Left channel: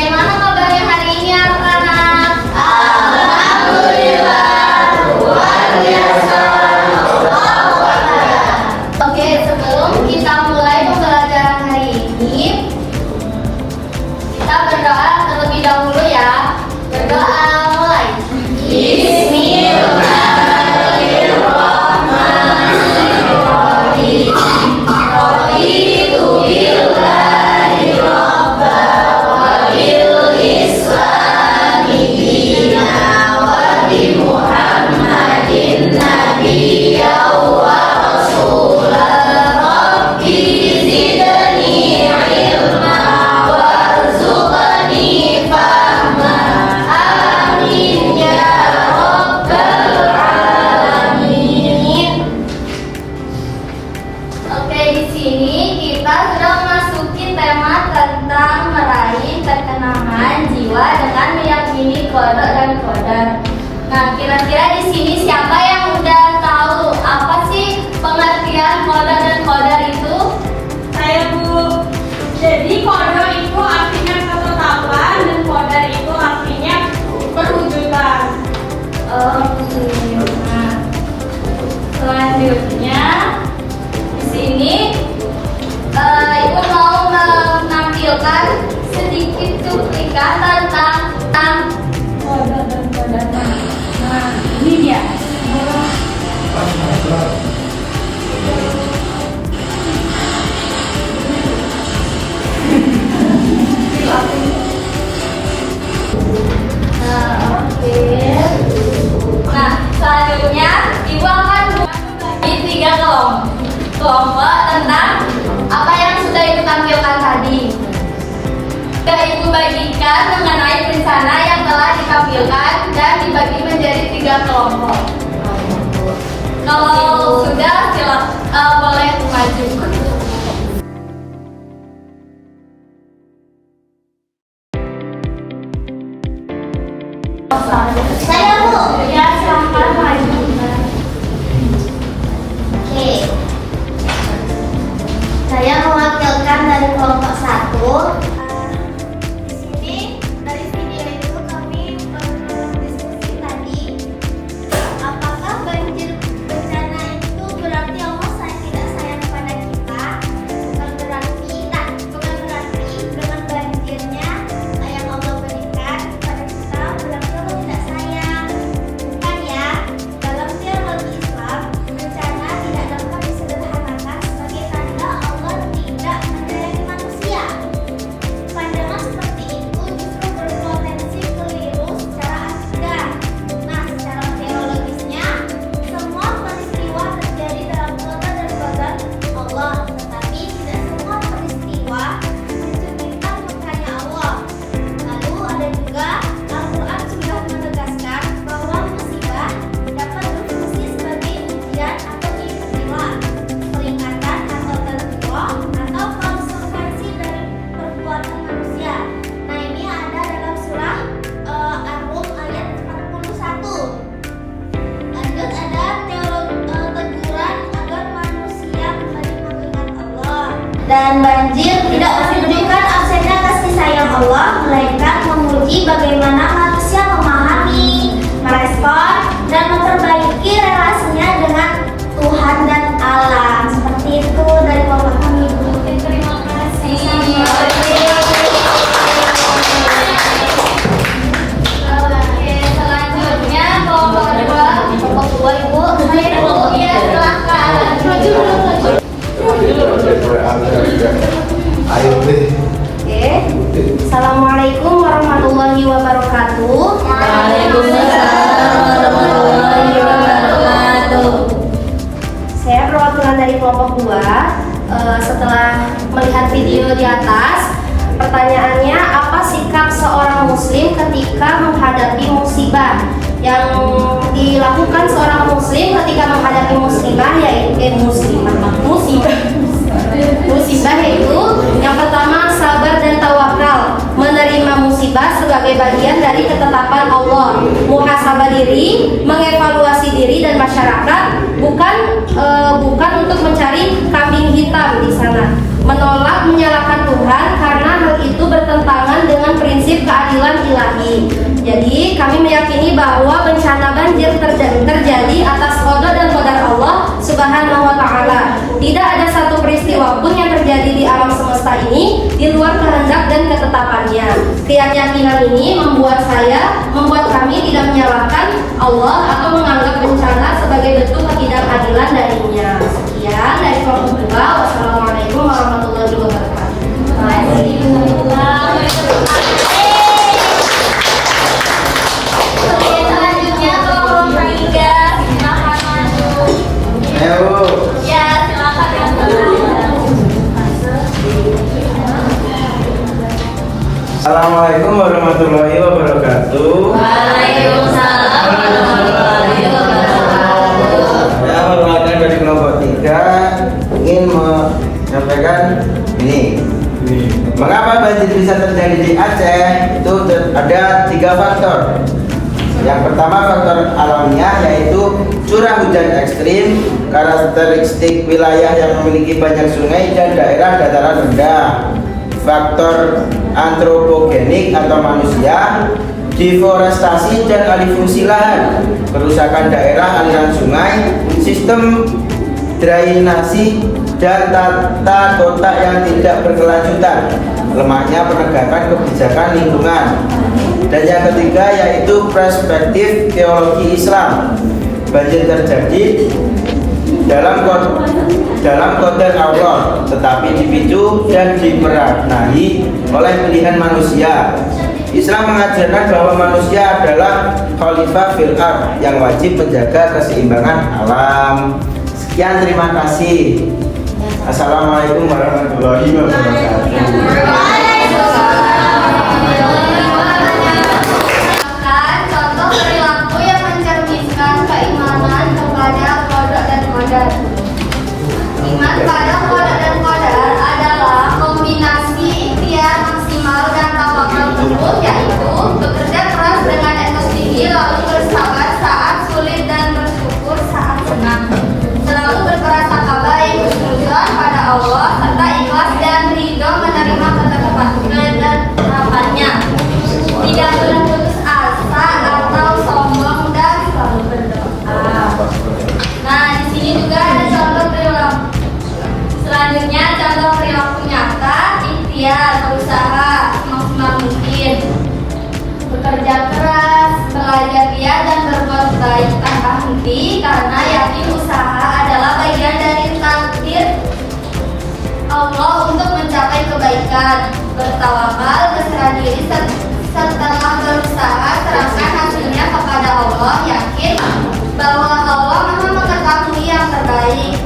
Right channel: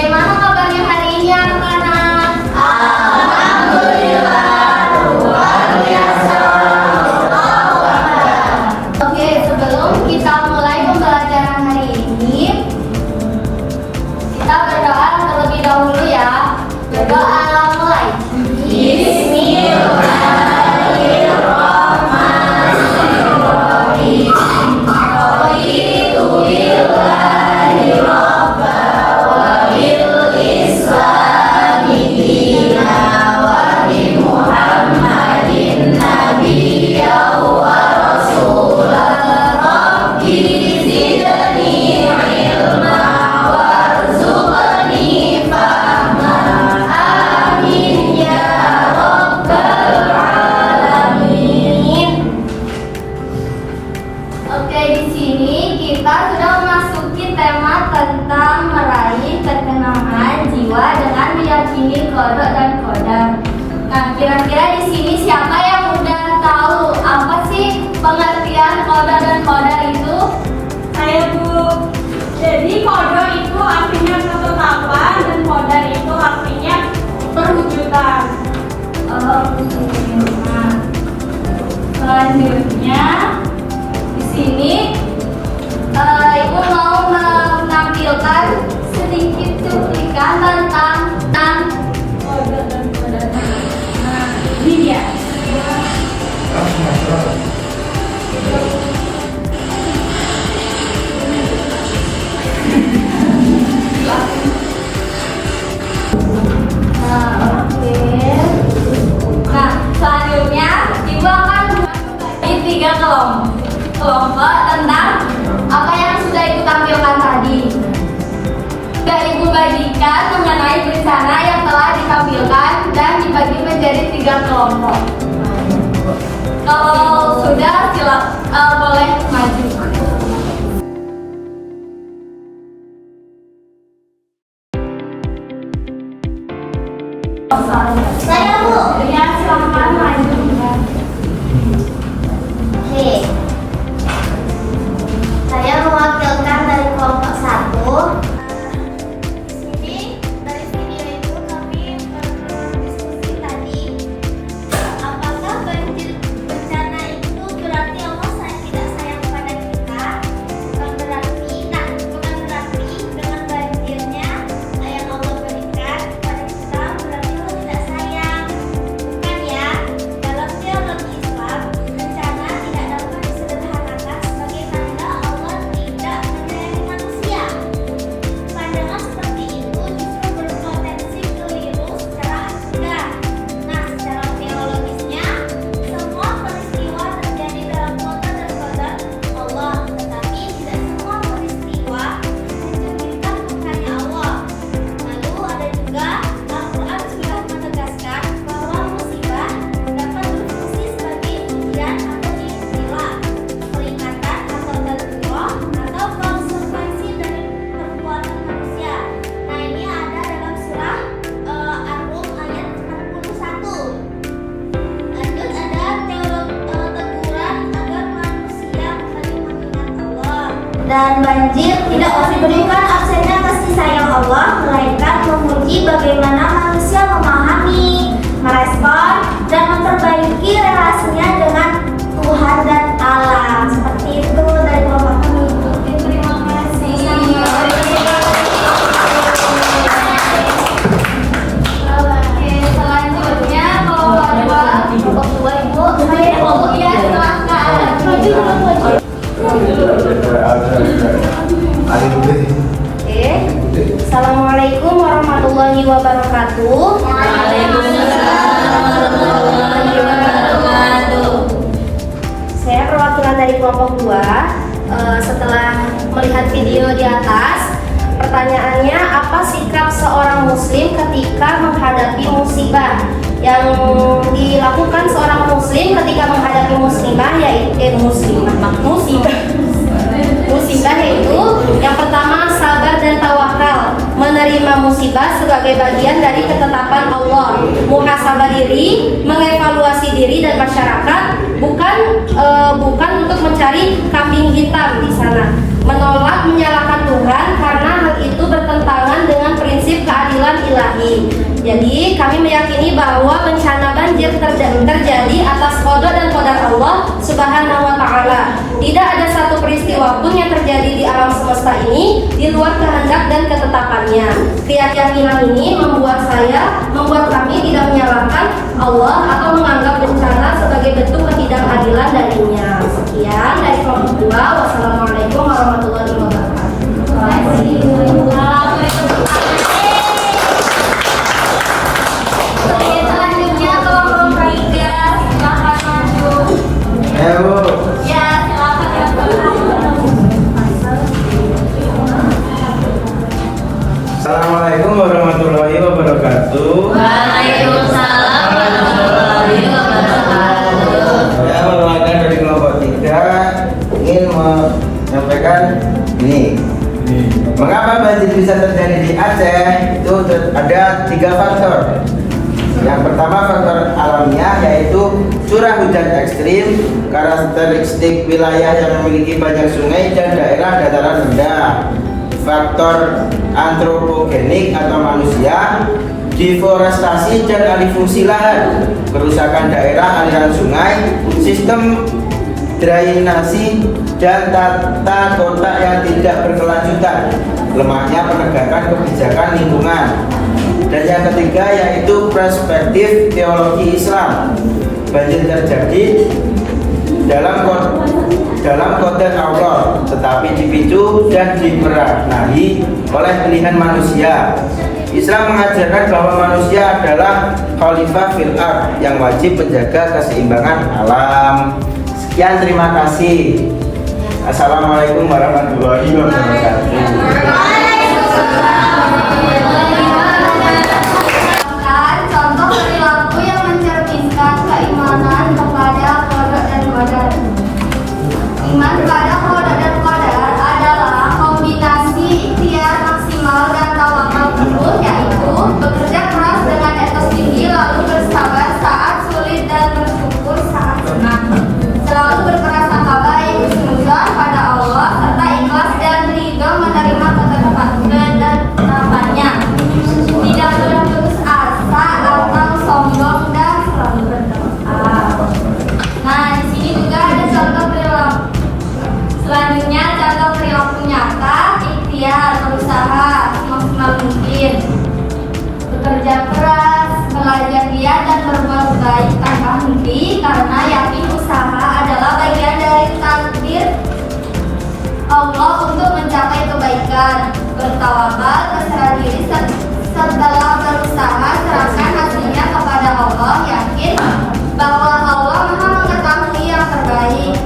Bagaimana kabarnya hari ini anak-anak? Alhamdulillah, luar biasa. Oke, sebelum kita mulai pembelajaran hari ini, kita berdoa terlebih dahulu ya. Berdoa mulai. Kodok dan kodar. Nah, kira-kira di sini siapa yang udah tahu apa sih pengertian kodok dan kodar itu? Saya, Bu. Jadi kodok itu artinya ketetapan dan kodar itu artinya perwujudan. Oke. Nah, selanjutnya di sini Ibu mau menampilkan sedikit cuplikan tentang kodok dan kodar. Nah, ini dia. Nah, oke. Nah, selanjutnya Ibu akan bagi 3 kelompok tentang apa yang sudah Ibu tampilkan tadi. Sudah Ibu bagikan mengenai berencana yang telah ditampilkan dan dibagi menjadi 3 kelompok. Kalau sudah, silakan boleh maju. Saya, Bu. Ya, silakan maju. Oke. Saya mewakilkan dari kelompok 1. Dan banjir tidak menunjukkan absennya kasih sayang Allah, melainkan memuji bagaimana manusia memahami, merespon, dan memperbaiki relasinya dengan Tuhan dan alam. Seperti itu dari kelompok kami. Oke, terima kasih. Oke, selanjutnya kelompok 2. Kelompok 2 Ibu. Ya, silakan. Assalamualaikum warahmatullahi wabarakatuh. Saya perwakilan dari kelompok 2. Setelah melihat video di atas, pertanyaannya apa sikap seorang muslim ketika menghadapi musibah? Yang dilakukan seorang muslim ketika menghadapi musibah musibah yaitu yang pertama sabar dan tawakal, menerima musibah sebagai bagian dari ketetapan Allah, muhasabah diri, mengevaluasi diri dan masyarakat, bukan untuk mencari kambing hitam di sana, menolak menyalahkan Tuhan karena hal itu bertentangan dengan prinsip lagi. Jadi kami meyakini bahwa bencana banjir terjadi atas qada dan qadar Allah Subhanahu wa taala. Tidak ada satu peristiwa pun yang terjadi di alam semesta ini di luar kehendak dan ketetapannya. Keyakinan ini membuat kami tidak menyalahkan Allah atau menganggap bencana sebagai bentuk ketidakadilan darinya. Sekian dari kelompok 2. Wassalamualaikum warahmatullahi wabarakatuh. Selanjutnya kelompok 3, silakan maju. Ya, silakan. Assalamualaikum warahmatullahi wabarakatuh. Waalaikumsalam warahmatullahi wabarakatuh. Saya mewakilkan dari kelompok 3 ingin menyampaikan ini. Mengapa banjir bisa terjadi di Aceh? Itu ada 3 faktor. Yang pertama faktor alamiah, yaitu curah hujan ekstrim, karakteristik wilayah yang memiliki banyak sungai dan daerah dataran rendah. Faktor antropogenik atau manusia, deforestasi dan alih fungsi lahan, kerusakan daerah aliran sungai, sistem drainasi dan tata kota yang tidak berkelanjutan, lemahnya penegakan kebijakan lingkungan. Dan yang ketiga yaitu perspektif teologi Islam. Banjir terjadi dalam qadar Allah, tetapi dipicu dan diperanai oleh pilihan manusia. Islam mengajarkan bahwa manusia adalah khalifah fil ardh yang wajib menjaga keseimbangan alam. Sekian, terima kasih. Assalamualaikum warahmatullahi wabarakatuh. Contoh perilaku yang mencerminkan keimanan kepada qada dan qadar. Iman pada qada dan qadar adalah kombinasi ikhtiar maksimal dan tawakal turun, yaitu bekerja keras dengan etos tinggi, lalu bersabar saat sulit dan bersyukur saat senang. Selalu berprasangka baik, bersyukur pada Allah, serta ikhlas dan ridho menerima ketetapan dan harapannya. Tidak berputus asa atau sombong dan selalu berdoa. Nah, di sini juga ada contoh perilaku. Selanjutnya contoh perilaku nyata, ikhtiar, berusaha semaksimal mungkin, bekerja keras, belajar giat dan berbuat baik tanpa henti, karena yakin usaha adalah bagian dari takdir Allah untuk mencapai kebaikan. Bertawakal, berserah diri, setelah berusaha serahkan hasilnya kepada Allah, yakin bahwa Allah Maha mengetahui yang terbaik.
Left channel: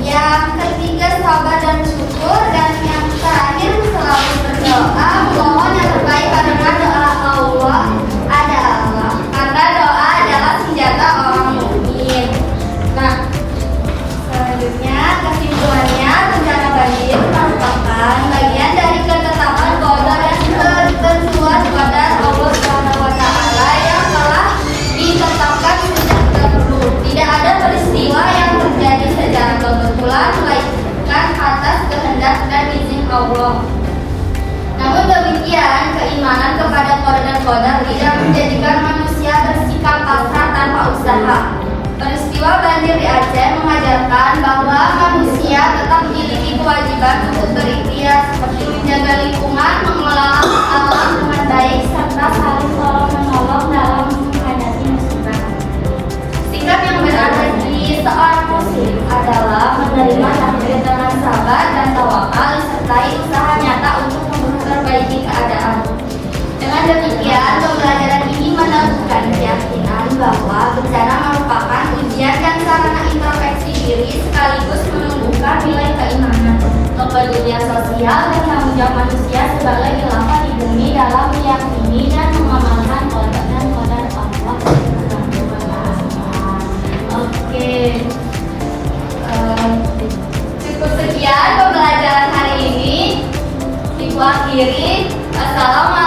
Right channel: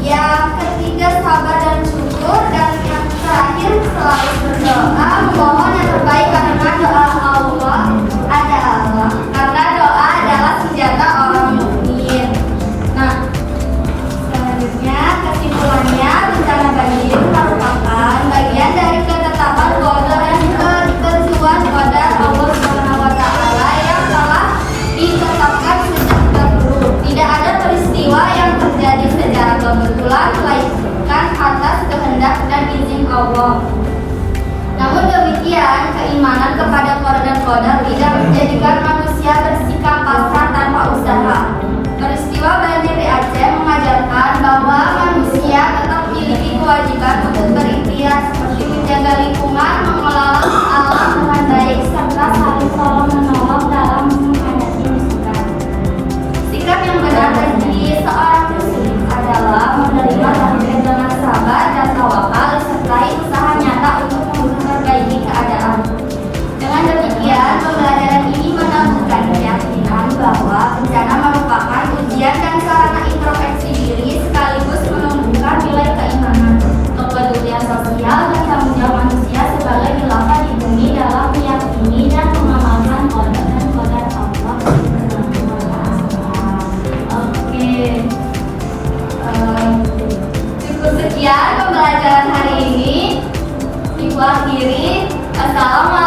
Yang ketiga sabar dan syukur, dan yang terakhir selalu berdoa, mohon yang terbaik, karena doa Allah adalah senjata orang mukmin. Nah, selanjutnya kesimpulannya, bencana banjir merupakan bagian dari ketetapan qada dan ketentuan qadar Allah Subhanahu wa taala yang telah ditetapkan sejak dahulu. Tidak ada peristiwa yang terjadi secara kebetulan, melainkan atas kehendak dan izin Allah. Namun demikian, keimanan kepada qada dan qadar tidak menjadikan manusia bersikap pasrah tanpa usaha. Peristiwa banjir di Aceh mengajarkan bahwa manusia tetap memiliki kewajiban untuk berikhtiar, seperti menjaga lingkungan, mengelola alam dengan baik, serta saling tolong menolong dalam menghadapi musibah. Sikap yang benar bagi seorang muslim adalah menerima takdir dengan sabar dan tawakal, disertai usaha nyata untuk memperbaiki keadaan. Dengan demikian, pembelajaran ini menumbuhkan keyakinan bahwa bencana merupakan ujian dan sarana introspeksi diri, sekaligus menumbuhkan nilai keimanan, kepedulian sosial, dan tanggung jawab manusia sebagai khilafah di bumi dalam meyakini dan mengamalkan qada dan qadar Allah Subhanahu wa taala. Oke. Cukup sekian pembelajaran hari ini. Ibu akhiri. Assalamualaikum